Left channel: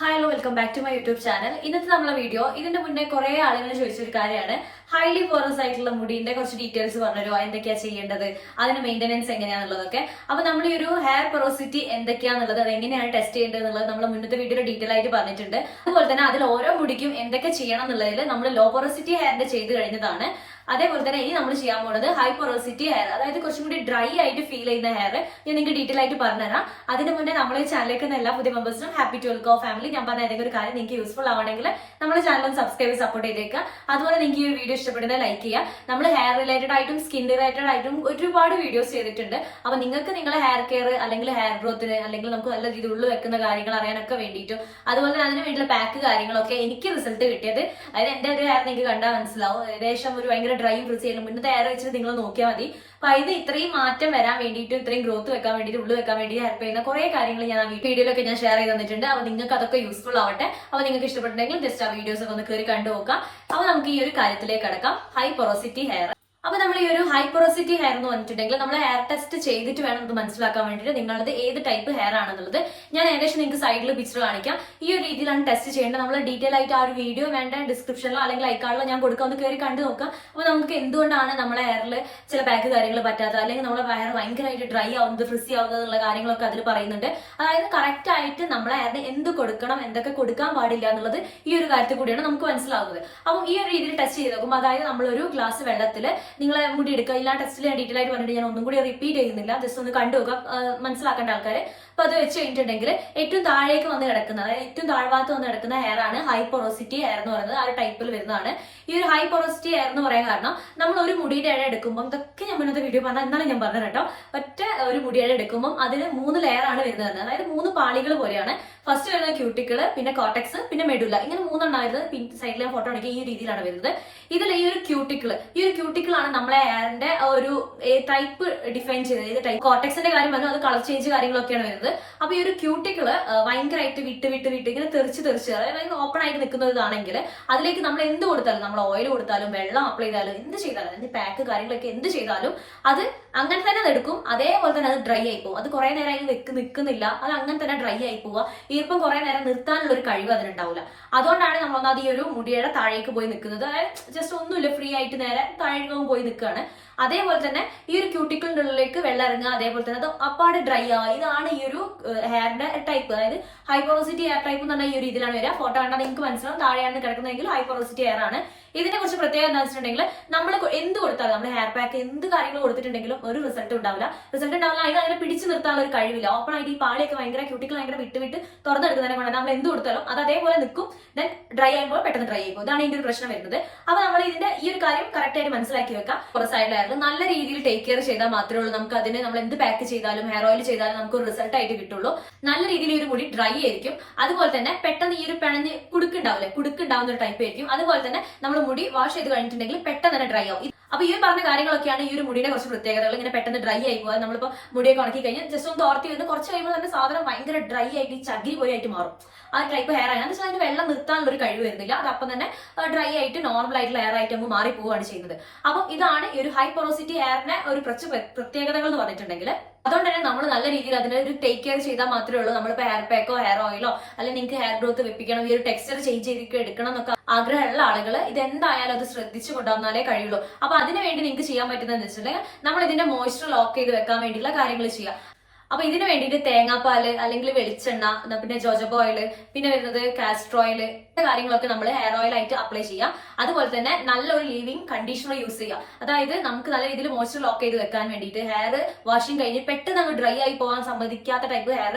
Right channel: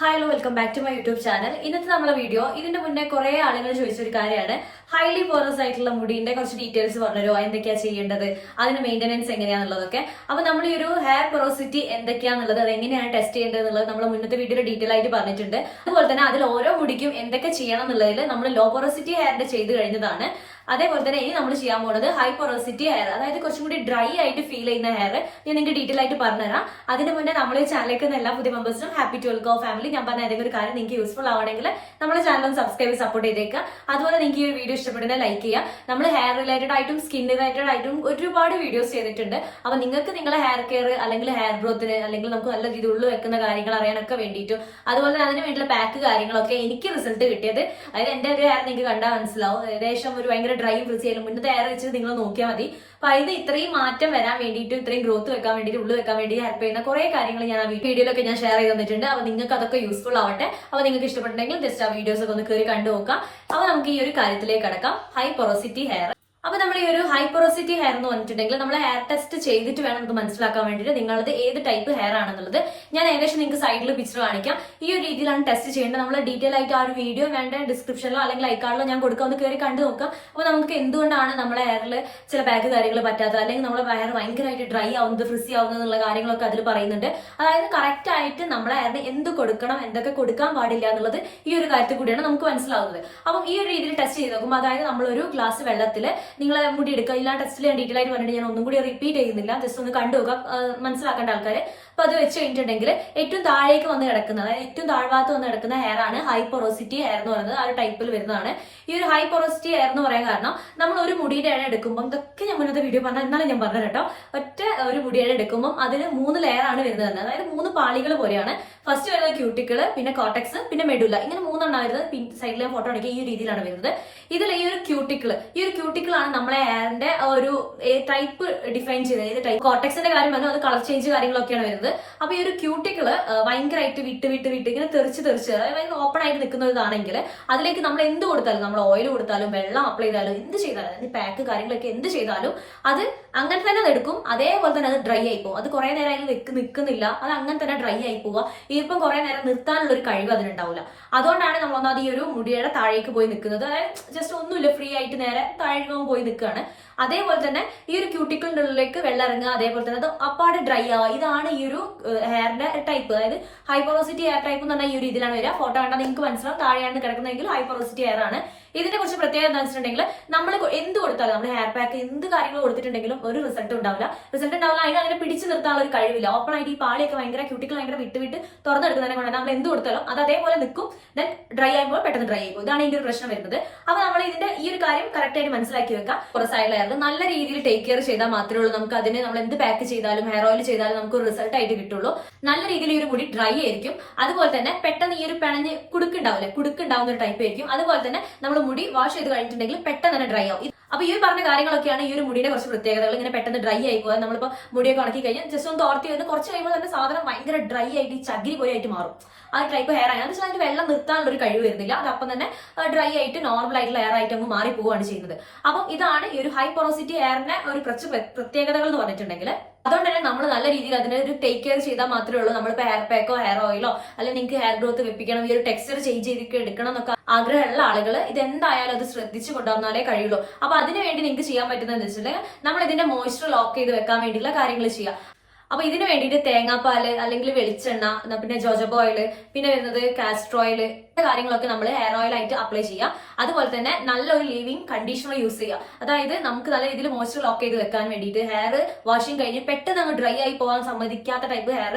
Hello welcome back to my YouTube channel ഇന്നത്തെ നമ്മുടെ video ഇതിന്റെ മുന്നേ കുറെ ആളുകൾ ചോദിച്ച ഒരു കാര്യമാണ്. ഹൈലി പോറസ് ആയിട്ടുള്ള മുടിന്റെ കുറച്ച് ഡീറ്റെയിൽസ് പറഞ്ഞുതരുമോ എന്തൊക്കെയാ ചെയ്യേണ്ടത്? അതിന് മെയിന്റനൻസ് എങ്ങനെയാണെന്നുള്ളതൊക്കെ അപ്പൊ നമ്മൾ ഈ ഒരു ഹെയർ പൊറോസിറ്റി എന്തൊക്കെയാണെന്നുള്ളത് അത് എങ്ങനെയാണ് ടെസ്റ്റ് ചെയ്യേണ്ടത് എന്നുള്ളത് നമ്മൾ മുന്നത്തെ വീഡിയോയിൽ ഡീറ്റെയിൽ ആയിട്ട് പറഞ്ഞിട്ടുണ്ട്. അതുപോലെ തന്നെ അതിൽ ഓരോ മുടിക്കും എന്തൊക്കെ ചെയ്യണം എന്നുള്ളതിൽ നമ്മൾ ലോ പൊറോസിറ്റി ഹെയറിന്റെ ചെയ്ത് കഴിഞ്ഞതാണ്. അതേപോലെ തന്നെ ഇനി നമ്മൾ ചെയ്യാൻ പോകുന്നത് ഹൈ പൊറോസിറ്റി ഹെയർ അതായത് കുറച്ചും കൂടി ഡ്രൈ ആയിട്ട് ഫീൽ ചെയ്യുന്ന ഹെയർ ഞാൻ നിങ്ങൾക്ക് ഡീറ്റെയിൽ ആയിട്ട് പറഞ്ഞുതരാം. അതിന് മുന്നേ നമ്മളെ ചാനലിലേക്ക് എല്ലാ പുതിയ മെമ്പേഴ്സിനും ഹാപ്പി ടു വെൽക്കോ ഫാമിലി ഞാൻ പറഞ്ഞ ഏതെങ്കിലും ഒരു കാര്യം നിങ്ങൾക്ക് യൂസ്ഫുൾ ആവണമെങ്കിൽ നമ്മുടെ ചാനൽ ഒന്ന് സബ്സ്ക്രൈബ് സപ്പോർട്ട് ചെയ്തേക്കുക. അതുപോലെ നിങ്ങൾക്ക് ഈ വീഡിയോ ഇഷ്ടപ്പെടുന്ന ലൈക്ക് ചെയ്യുക. നമ്മൾ ഹെയർ റിലേറ്റഡ് ആയിട്ടും സ്കിൻ റിലേറ്റഡ് ആയിട്ടും ഒരുപാട് വീഡിയോസ് ചെയ്തിട്ടുണ്ട്. അപ്പൊ നിങ്ങൾക്ക് നിങ്ങളുടെ ഹെയർ കെയർ അല്ലെങ്കിൽ ഹെയർ ഗ്രോത്തിന് അല്ലെങ്കിൽ നമുക്ക് നല്ല രീതിയിൽ ഉള്ളു വെക്കുന്ന കാര്യങ്ങൾ അറിയാനൊക്കെ വേണ്ടിയിട്ടും അതുപോലെ അതിന് വേണ്ടിയുള്ള പാക്ക് കാര്യങ്ങളൊക്കെ എനിക്ക് റിസൾട്ട് കിട്ടിയത്. അതായത് എന്റെ ഒരു ഹെയർ നിങ്ങൾക്ക് കണ്ടാൽ മനസ്സിലാവും. ഏകദേശം ഒരു ഭയങ്കര ഡ്രൈയും ഫ്രിസ് ചെയ്യലും മുന്നത്തെ എയർ വെച്ചിട്ട് നിങ്ങൾ നോക്കിയാൽ മതി. അപ്പൊ ഇത് ഇത്രയും മാറ്റം വരാൻ വേണ്ടിയിട്ട് ഇത്രയും ഗ്രോത്ത് വെക്കാൻ വേണ്ടിയിട്ട് ഉള്ളു വെക്കാൻ വേണ്ടി ഹെൽപ്പ് ചെയ്യുന്ന കുറെ കാര്യങ്ങൾ ഞാൻ ആ വീഡിയോയിലൊക്കെ ഞാൻ ഷെയർ ചെയ്ത് തന്നിട്ടുണ്ട്. അപ്പൊ നിങ്ങൾക്ക് അതൊക്കെ യൂസ്ഫുൾ ആവട്ടെ. അപ്പൊ നിങ്ങൾക്ക് ഇഷ്ടപ്പെട്ടുണ്ടെങ്കിൽ ജസ്റ്റ് ആ വീഡിയോസ് ഒക്കെ ഒന്ന് കയറി കണ്ടു നോക്കാം. അപ്പൊ നമുക്ക് ഈ ഒരു കാര്യത്തിലേക്ക് കടക്കാം. ഹൈ പൊറോസിറ്റി ഹെയർ അപ്പൊ നമ്മൾ ഈ ഒരു ഹൈ പൊറോസിറ്റി ഹെയർ എന്ന് പറഞ്ഞിട്ടുണ്ടെങ്കിൽ നമ്മൾ ഹെയർ ടെസ്റ്റ് ചെയ്തിട്ട് വേണം നമുക്ക് മനസ്സിലാക്കാൻ വേണ്ടിയിട്ട്. നിങ്ങളത് ഏത് ടൈപ്പ് ഹെയർ ആണെന്നുള്ളത് ഞാൻ ഏകദേശം നിങ്ങൾക്ക് സൈഡിൽ പിക്ചർ കാണിക്കാം. ഈ ഒരു രീതിയിലാണ് ടെസ്റ്റ് ചെയ്യേണ്ടത്. നമ്മൾ ഡീറ്റെയിൽ ആയിട്ട് ആ ഒരു വീഡിയോ വേണ്ട ഡിസ്ക്രിപ്ഷനിലോ അല്ലെങ്കിൽ ഐക്കാർഡിലോ ഞാൻ കൊടുക്കാം. ഒന്ന് കയറി കണ്ടു നോക്കാം. അപ്പോൾ നമുക്ക് എന്തുകൊണ്ടാണ് നമ്മളെ ഹെയറിൽ ചില പാക്ക് കാര്യങ്ങൾ പറ്റാത്തത്? അല്ലെങ്കിൽ നമ്മളെ ഹെയർ ഭയങ്കരമായിട്ട് ഡ്രൈ ആവുന്നത് ഫ്രിസി ആവുന്നത് എന്നുള്ള കാര്യങ്ങളൊക്കെ അതിൽ പറയുന്നുണ്ട്. അതായത് കറക്റ്റ് ആയിട്ട് നമ്മളെ ഹെയറിന് എന്ത് കൊടുക്കണം എന്തൊക്കെ കൊടുക്കാൻ പാടില്ല എന്നുള്ളത് ഈ ഒരു കാര്യത്തിൽ കൂടിയാണ് നമുക്ക് മനസ്സിലാവുന്നത്. അപ്പം ഈ ഒരു രീതിയിൽ ടെസ്റ്റ് ചെയ്ത് നോക്കുമ്പോൾ അതായത് നമ്മളൊരു ഗ്ലാസ് വെള്ളത്തിൽ നിങ്ങളെ മുടി എടുക്കുക ഇല്ല ടെസ്റ്റിൽ ഞാൻ ഡീറ്റെയിൽ ആയിട്ട് പറഞ്ഞിട്ട് ഞാൻ ഒന്നും കൂടി റിപ്പീറ്റ് ചെയ്യുന്നില്ല. ജസ്റ്റ് ഒന്ന് കണ്ടു നോക്കുക ആ, മനസ്സിലാക്കേണ്ട ആൾക്കാർ അപ്പൊ അത് വെച്ച് കഴിഞ്ഞിട്ടുണ്ടെങ്കിൽ ഏറ്റവും താഴേക്ക് വന്ന് കിടക്കുന്ന അതായത് ഏറ്റവും താഴ്വാത്ത് വന്ന് കിടക്കുന്ന ഹെയർ ആണ് ഹൈ പൊറോസിറ്റി ഹെയർ എന്ന് പറയുന്നത്. ആ ഒരു ടൈപ്പിൽ വരുന്നതാണ്. ഈ ഒരു ഹൈ പൊറോസിറ്റി ഹെയർ എന്ന് പറയാൻ കാരണം നമ്മൾ ഒരു മുടിയുടെ ഇഴ എടുക്കുമ്പോൾ ഇതൊക്കെ ഞാൻ മുന്നത്തെ വീഡിയോ പറഞ്ഞാൽ എന്നാലും ഞാൻ പറഞ്ഞത് കേട്ടോ. ഒറ്റ ഒരു മുടിയുടെ എടുക്കുമ്പോൾ അതിന് മൂന്ന് ലെയർ ആണ് വരുന്നത്. അതായത് മൂന്ന് പാളികൾ പോലെയാണ്. ഫസ്റ്റ് വരുന്നത് ക്യൂട്ടിക്കിൾ പിന്നെ കോട്ടക്സ് പിന്നെ മെഡുല ഇങ്ങനെ മൂന്നെണ്ണം വരുന്നത്. സൈഡിലെ ഫോട്ടോ ആണെങ്കിൽ ഈ രീതിയിലാണ് വരുന്നത്. ഇതിൽ ഈ ഒരു ക്യൂട്ടിക്കിൾ ഈ ഒരു ക്യൂട്ടിക്കിളാണ് നമ്മളെ ഹെയറിന്റെ ഒരു ടൈപ്പ് ഡിഫൈൻ ചെയ്തത് ഏത് ടൈപ്പ് കോട്ടക്സിന്റെ കാര്യം പറഞ്ഞു അത് കളർ ചേഞ്ച് കാര്യങ്ങളൊക്കെയാണ് വരുന്നത്. അപ്പൊ ഈ ഒരു ക്യൂട്ടിക്കിൾ ഭയങ്കരമായിട്ട് വിട്ട് വിട്ട് വിട്ട് ഇങ്ങനെ തെറിച്ച് തെറിച്ച് അതായത് ഓപ്പൺ ആയിട്ട് നിൽക്കുന്ന ഇതാണെങ്കിൽ അതിലേക്ക് നമ്മൾ എന്ത് കൊടുത്താലും നമ്മൾ ഓയിൽ കൊടുത്താലും വെള്ളം അപ്ലൈ ചെയ്താലും എന്ത് ചെയ്താലും പാക്ക് കാര്യങ്ങളൊക്കെ എന്ത് ചെയ്താലും അത് അങ്ങനെ തന്നെ അത് എടുക്കും അതേപോലെ തന്നെ അത് ഡ്രൈ ആയി പോകും അത് കുറെ നേരം അതിൽ നിൽക്ക് നിൽക്കുന്നില്ല അത് അങ്ങനെ തന്നെ ഡ്രൈ ആയി പോവുക ഈർപ്പം കുറെ നേരം നിർത്താനുള്ള ഒരു കഴിവ് അതിനുണ്ടാവില്ല അതുകൊണ്ടാണ് നമ്മൾ ഒന്നാമത് ഈ ഒരു മുടിയുടെ താഴേക്ക് പോയി നിൽക്കുന്നത് അതായത് ജസ്റ്റ് ഒന്നുമില്ല ഫ്രീ ആയിട്ട് നേരെ താഴേക്ക് പോയി നിൽക്കുകയാണ് അതേപോലെ തന്നെ ഈ ഒരു ക്യൂട്ടിക്കിളിന്റെ ഉള്ളിലേക്ക് വെള്ളം ഇറങ്ങുക അതേപോലെ തന്നെ അത് അപ്പാട് ഡ്രൈ ആവുക. ഇതാണ് ഈ ഒരു ഹെയറിന്റെ ടൈപ്പ് അതായത് ഹൈപ്പോറോസിറ്റി ഹെയർ ടൈപ്പ് എന്ന് പറഞ്ഞാൽ ഈ ഒരു ഇതിലാണ് വരിക. ഫോട്ടോ കണ്ടാൽ നിങ്ങൾക്ക് മനസ്സിലാവും. താഴെയാണ് കിടക്കുന്നതെങ്കിൽ ഹൈപ്പോറോസിറ്റി ഹെയർ ആണ്. ഇതിനെ കുറിച്ച് പ്രത്യേകം എന്താ വെച്ചിട്ടുണ്ടെങ്കിൽ നമ്മൾ എന്ത് കൊടുത്താലും നമ്മുടെ ഹെയർ പാക്ക് എന്ത് കാര്യങ്ങൾ കൊടുത്തിട്ടുണ്ടെങ്കിലും ഒരു റിസൾട്ട് ഉണ്ടാവില്ല. റിസൾട്ട് ഉണ്ടാവില്ല അതിന് അതിനെ പിടിച്ചു നിർത്താനുള്ള ഒരു കഴിവില്ല. ഓപ്പൺ ആയിട്ട് ഈ പാളിയൊക്കെ ഭയങ്കര ക്യൂട്ടിക്കൽ ഭയങ്കര വിട്ട് വിട്ട് തുറന്നെടുക്കുന്നതിനെ കൊണ്ട് നമ്മൾ എന്ത് കൊടുത്താലും അത് അതേപോലെ നിൽക്കും. ദെൻ ഡ്രൈ ആകുമ്പോൾ പെട്ടെന്ന് ഡ്രൈ ആയിപ്പോൾ ഇതാണ് ഇതിന്റെ ഒരു പ്രശ്നം വരുന്നത്. അപ്പൊ നമ്മൾ ഇതിന്റെ ഈ ഒരു കാര്യം കറക്റ്റ് ആയിട്ട് മനസ്സിലാക്കി വെക്കാം. കുറച്ച് ഹെയർ നല്ല രീതിയിൽ ടേക്ക് കെയർ ചെയ്താൽ മാത്രമേ ഉള്ളൂ. നമുക്ക് അതിന് നമ്മൾ എന്ത് പാക്ക് ചെയ്താലും ഹെയർ ഓയിൽ ചെയ്താലും നമുക്ക് ഒരു റിസൾട്ട് ആയിട്ട് കിട്ടുള്ളൂ. നല്ല രീതിയിൽ ഒരു മുടി ഡ്രൈ ആയിരിക്കും. അതുപോലെ തന്നെ പെട്ടെന്ന് ഈ ഒരു പിണഞ്ഞ് കുടുക്കുണ്ടാവില്ലേ കുടുക്കുണ്ടാവുന്ന ഒരു ടൈപ്പ് ആയിരിക്കും. അതുപോലെ തന്നെ നമ്മൾ മുടി വാഷ് ചെയ്ത് കഴിഞ്ഞിട്ടുണ്ടെങ്കിൽ പെട്ടെന്ന് തന്നെ ഡ്രൈ ആവും. അപ്പൊ ഈ പറഞ്ഞ കാര്യങ്ങളൊക്കെയാണ് ഈ ഒരു മുടിയുടെ കുറച്ച് പ്രത്യേകതകൾ ഇങ്ങനെ പെട്ടെന്ന് ഡ്രൈ ആയി പോകാൻ നമ്മളിപ്പോ മുടിയൊക്കെ ഉണക്കി കഴിഞ്ഞാൽ ജസ്റ്റ് ഒന്ന് തോർത്തി വന്ന് കുറച്ച് കഴിയുമ്പോൾ തന്നെ സാധനം ഭയങ്കര ഡ്രൈ ആയിട്ട് ചകിരി പോലെ ആയിട്ട് മാറും. ആ ടൈപ്പ് ഹെയർ ആണ്. വെച്ചാൽ അതിന് വെള്ളം നിർത്താനുള്ള ഒരു കഴിവ് വരുന്നില്ല. അത് അപ്പം തന്നെ ഡ്രൈ ആയിട്ട് നോർമൽ ആയിട്ടുള്ള ഹെയർ ആയിട്ട് അങ്ങ് മാറി പോവുകയാണ് ചെയ്യുന്നത്. അപ്പം ഇതാണ് ഈ ഒരു ഹൈ പൊറോസിറ്റി ഹെയറിന്റെ ഒരു പ്രത്യേകതകൾ എന്ന് പറഞ്ഞിട്ടുണ്ടെങ്കിൽ അതുകൊണ്ട് തന്നെ നമ്മൾ നല്ല രീതിയിൽ അതിനെ ഒരു ടേക്ക് കെയർ ചെയ്താൽ മാത്രമേ ഉള്ളൂ. നമ്മളിപ്പോൾ ഹെയർ പാക്കോ ഹെയർ ഓയിലോ അല്ലെങ്കിൽ നിങ്ങൾക്ക് ഹെയർ ഗ്രോത്ത് വെപ്പിക്കണം ഈ ഒരു ടെക്സ്ചർ ചേഞ്ച് ചെയ്തിട്ട് എടുക്കണം എന്നൊക്കെ ആഗ്രഹമുള്ള ആളുകൾ ഇത് എന്തായാലും അത് ശ്രദ്ധിച്ചു കൊണ്ടുവന്നാലേ കഴിയുള്ളൂ. അപ്പൊ അതിനുവേണ്ടി നിങ്ങൾക്ക് ചെയ്യാൻ പറ്റുന്നതെന്ന് വെച്ചിട്ടുണ്ടെങ്കിൽ നമ്മൾ ഇതിന്റെ മോയ്സ്ചർ ലോക്ക് ചെയ്ത് വെക്കാൻ വേണ്ടിയുള്ള കാര്യങ്ങൾ ചെയ്യുക. അപ്പൊ ഇതിനു വേണ്ടിയിട്ട് തേങ്ങാപ്പാൽ അല്ലെങ്കിൽ വെളിച്ചെണ്ണ പിന്നെ ജോജബ ഓയിൽ പിന്നെ വരുന്നത് ഓയിൽ കാര്യങ്ങളൊക്കെ നമ്മൾ ഹെയർ ഓയിൽ ആയിട്ട് അപ്ലൈ ചെയ്യാം. അതുപോലെ തന്നെ നല്ലൊരു ലീവിങ് കണ്ടീഷണർ യൂസ് ചെയ്യുക അതായത് നമുക്ക് നല്ല രീതിയിൽ മോയ്സ്ചർ ലോക്ക് ചെയ്ത് വെക്കാൻ വേണ്ടിയിട്ട് ഹെയർ വാഷിംഗ് കഴിഞ്ഞ് പെട്ടെന്ന് അങ്ങ് ഡ്രൈ ആയി പോകാൻ സമ്മതിക്കാത്ത ടൈപ്പ് ഹെയർ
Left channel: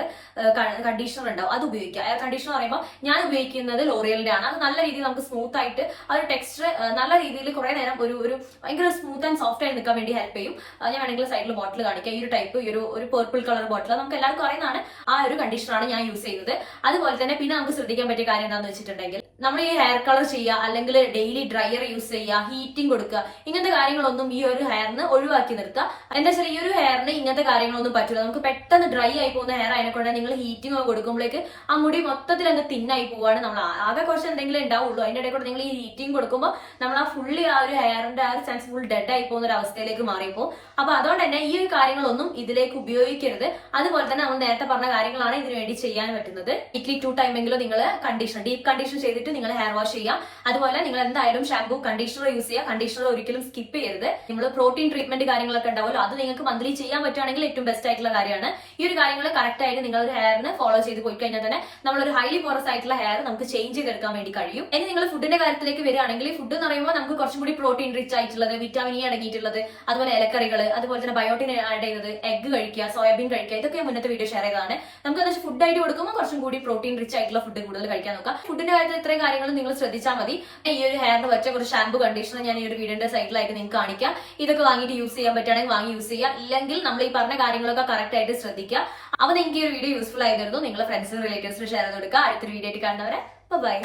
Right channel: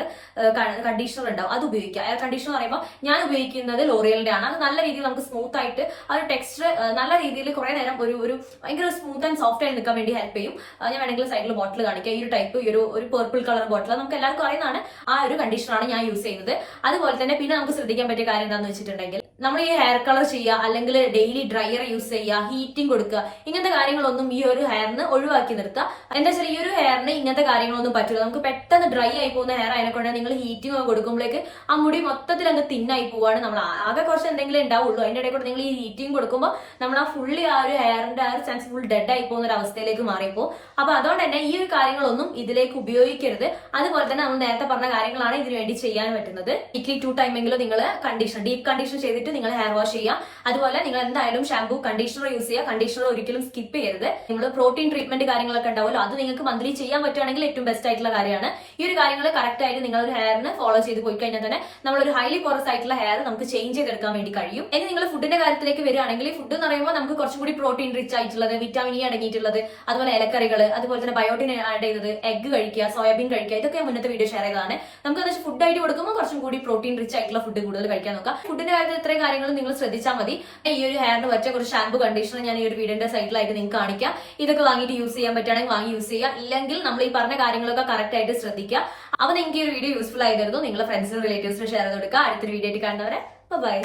കണ്ടീഷണർ ഉണ്ടാവും. അത് ഉപയോഗിക്കുക ഹെയർ കണ്ടീഷണർ പറയുമ്പോൾ ഞാൻ ഉപയോഗിക്കുന്നത് ലോറിയലിന്റെ ആണ്. അത് നല്ല രീതിയിൽ നമുക്ക് സ്മൂത്ത് ആയിട്ട് ആ ഒരു ടെക്സ്ചർ നല്ല രീതിയിൽ കുറെ നേരം ഒരു ഒരു ഭയങ്കര സ്മൂത്ത് ആൻഡ് സോഫ്റ്റ് ആയി നിൽക്കാൻ വേണ്ടി ഹെൽപ്പ് ചെയ്യും. ഞാൻ വേണമെങ്കിൽ സൈഡിൽ ബോട്ടിൽ കാണിക്കാം. ഈ ഒരു ടൈപ്പ് ഈ ഒരു ഒരു പേർപ്പിൾ കളർ ബോട്ടിൽ നമുക്ക് എല്ലാവർക്കും അറിയുന്നതാണ് ആ ഒരു കണ്ടീഷണറാണ് ഞാൻ യൂസ് ചെയ്യുന്നത്. അതുപോലെ തന്നെ പിന്നെ നമുക്ക് ശ്രദ്ധിക്കാൻ പറ്റിയ കാര്യം എന്താണെന്ന് വെച്ചിട്ടുണ്ടെങ്കിൽ Engel നമ്മൾ ഈ ഹെയർ കളർ ചെയ്യുക അല്ലെങ്കിൽ ഡെയിലി ഡ്രയർ യൂസ് ചെയ്യുക ഹീറ്റിംഗ് കൊടുക്കുക ഇങ്ങനത്തെ കാര്യങ്ങളൊന്നും ഈ ഒരു ഹെയറിന് ഒഴിവാക്കി നിർത്തുക. എന്താ വെച്ചാൽ ഈ ഒരു ഹെയറിന് ഇങ്ങനത്തെ കാര്യങ്ങളൊന്നും പറ്റില്ല. നമുക്ക് പെട്ടെന്ന് ഡ്രൈ ആയി പോകുന്ന ഹെയർ ആയതുകൊണ്ട് നിങ്ങൾ ഹീറ്റിംഗ് കൊടുക്കുമ്പോഴേക്ക് ആ മുടി മൊത്തത്തിൽ അങ്ങ് തിന്നായി പോവാണ് നമ്മൾ ആകെ കുറച്ച് എന്തെങ്കിലും ഉണ്ടാവുള്ളൂ. അതിന്റെ ഇടയിൽ കൂടെ നിങ്ങൾ ഈ ഹീറ്റിംഗ് കൊടുക്കുമ്പോൾ നമ്മൾ ആ ഫുള്ളി ആ ഒരു ഹെയറിന്റെ ആ ഒരു ചാൻസ് ഫുൾ ഡെഡ് ആയി പോകുന്ന ഒരു അവസ്ഥയിലേക്ക് മാറിയപ്പോൾ അപ്പൊ അതുകൊണ്ട് തന്നെ ഈ ഒരു കാര്യങ്ങളൊന്നും ഇതിലേക്ക് ഉപയോഗിക്കരുത്. അതുപോലെ തന്നെ നമ്മൾ നേരത്തെ പറഞ്ഞ കാര്യങ്ങളാണ് ഇതിനു വേണ്ടി ചെയ്യാൻ പറ്റുന്നത്. വീക്ക്ലി ടു ടൈമെങ്കിലും നിങ്ങൾ കണ്ടീഷൻ ഡീപ് കണ്ടീഷൻ ചെയ്തിട്ട് നിങ്ങൾ ഹെയർ വാഷ് ചെയ്യാം. അതുപോലെ നിങ്ങൾ എന്തായാലും ഷാംപൂ കണ്ടീഷണർ യൂസ് ചെയ്യുക കണ്ടീഷണർ ഒരിക്കലും സ്കിപ്പ് ചെയ്യരുത്. നിങ്ങൾ പ്രോട്ടീൻ ട്രീറ്റ്മെന്റ് കാര്യങ്ങളൊക്കെ ഉണ്ടാവുമല്ലോ അത് നിങ്ങൾക്ക് മന്ത്ലി ചെയ്യാൻ പറ്റുകയാണെങ്കിൽ ഏറ്റവും ബെസ്റ്റ് ആയിട്ടുള്ള കാര്യമാണ്. ഈ ഒരു കാര്യങ്ങൾ കറക്റ്റ് ആയിട്ട് നിങ്ങൾ ഒരു ഹെയറിന് ഫോളോ ചെയ്ത് പോയി കഴിഞ്ഞാൽ തന്നെ നമ്മളൊരു ഹൈലി പോറസ് ആയിട്ടുള്ള ഹെയർ നമുക്ക് ചേഞ്ച് ചെയ്തെടുക്കാൻ വേണ്ടി കഴിയും. ഇനി നിങ്ങൾ ഫുഡിന്റെ കാര്യത്തിലേക്ക് വരികയാണെങ്കിൽ ഫുഡ് എന്ന് പറയുമ്പോൾ നമുക്ക് കുറച്ചും കൂടി പ്രോട്ടീൻ റിച്ച് ആയിട്ടുള്ളത് വിറ്റാമിൻ ഇ അടങ്ങിയിട്ടുള്ളത് അതുപോലെ ഇലക്കറികൾ അതുപോലെ തന്നെ ബയോട്ടിൻ ആഡ് ചെയ്തത് എഗ് കഴിക്കുക സോയാബീൻ കഴിക്കുക ഇതൊക്കെ മുന്നത്തെ വീഡിയോ ഷെയർ ചെയ്തതാണ്. നമുക്ക് ഫുഡ് ആയിട്ട് കൊടുക്കുമ്പോൾ കുറച്ചും കൂടി പ്രോട്ടീൻ റിച്ച് ആയിട്ടുള്ള ഫുഡ് കൂടുതൽ കഴിക്കാൻ നോക്കാം. ഫുഡിന്റെ കാര്യത്തിൽ ഇത്രയും കാര്യങ്ങൾ നിങ്ങൾ ശ്രദ്ധിച്ചാൽ മതി. ഈ ഒരു ഹെയറിന് വെച്ച കുറച്ച് ഷാമ്പു കണ്ടീഷണർ ഞാൻ ഈ ഒരു വീടിന്റെ സൈഡിലായിട്ട് നിങ്ങൾക്ക് കാണിക്കാം. ഇതൊക്കെ വാങ്ങിയിട്ട് യൂസ് ചെയ്യാൻ പറ്റുകയാണെങ്കിൽ വാങ്ങി യൂസ് ചെയ്യുക ഇല്ലെങ്കിൽ നമ്മൾ ഈ പറഞ്ഞ കാര്യങ്ങളൊക്കെ കറക്റ്റ് ആയിട്ട് ശ്രദ്ധിക്കുക. അപ്പൊ നിങ്ങൾക്ക് ഈ ഒരു വീഡിയോ യൂസ്ഫുൾ ആയിരുന്നു നിങ്ങളുടെ ഫ്രണ്ട്സിനും റിലേറ്റീവ്സിനും ഷെയർ ചെയ്ത് കൊടുക്കുക. അടുത്തൊരു വീഡിയോ ആയിട്ട് കാണുന്നവരെ ബൈ